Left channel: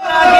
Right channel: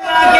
Yeah.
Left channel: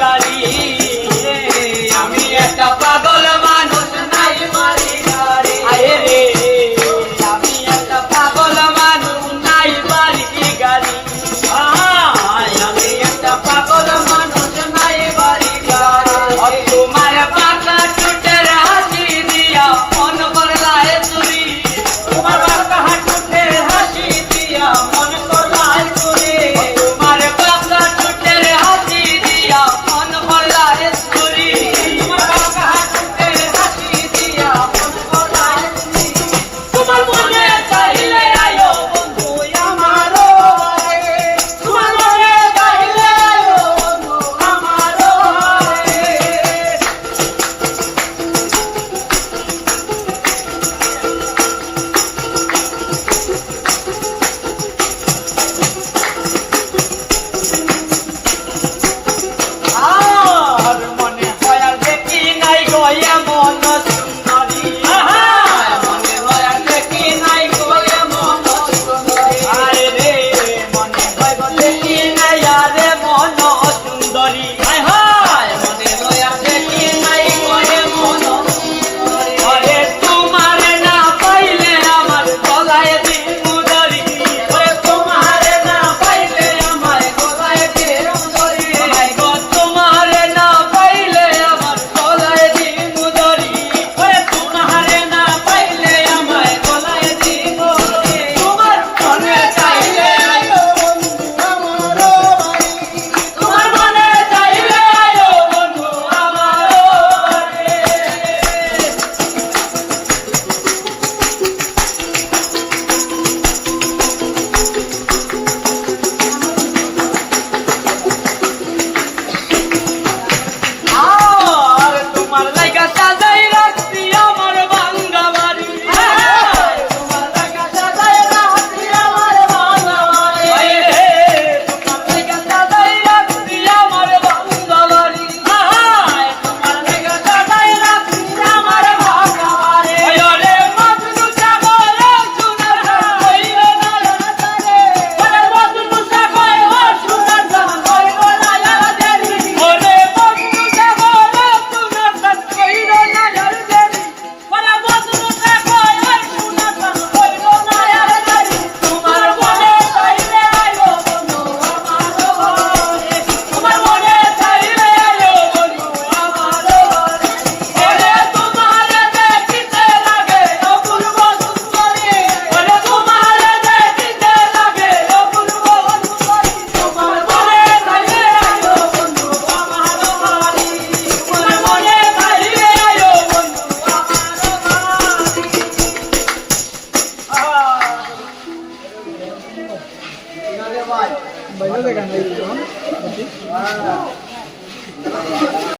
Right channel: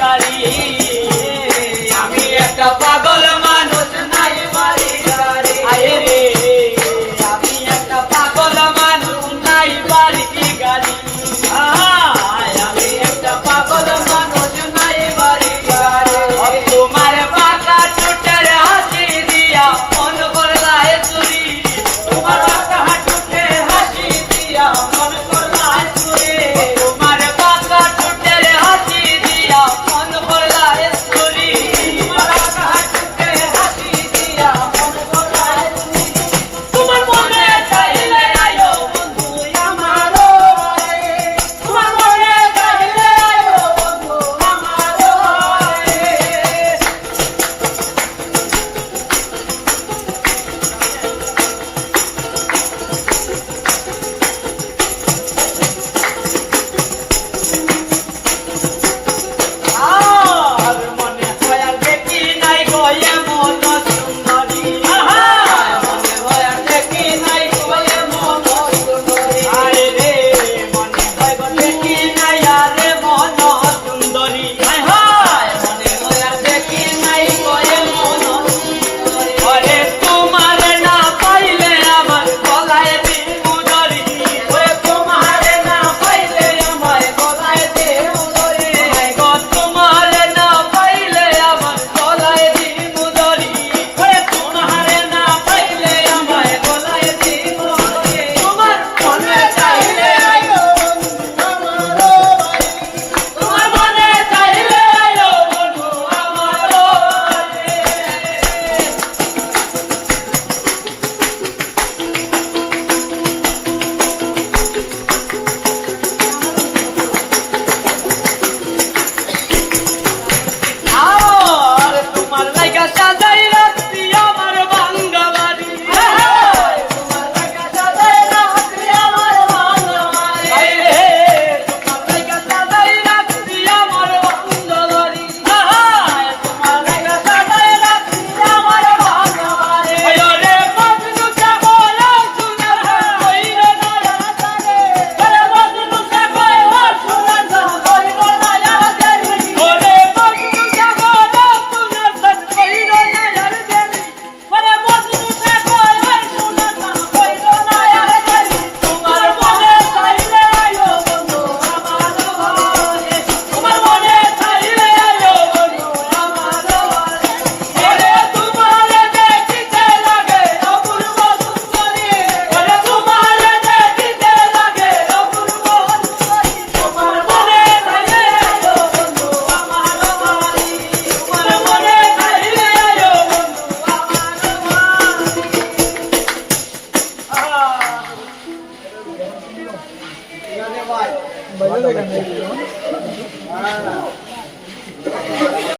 গাড়ি আমি একটা পাগল দয়া মন Bailo de ganadería.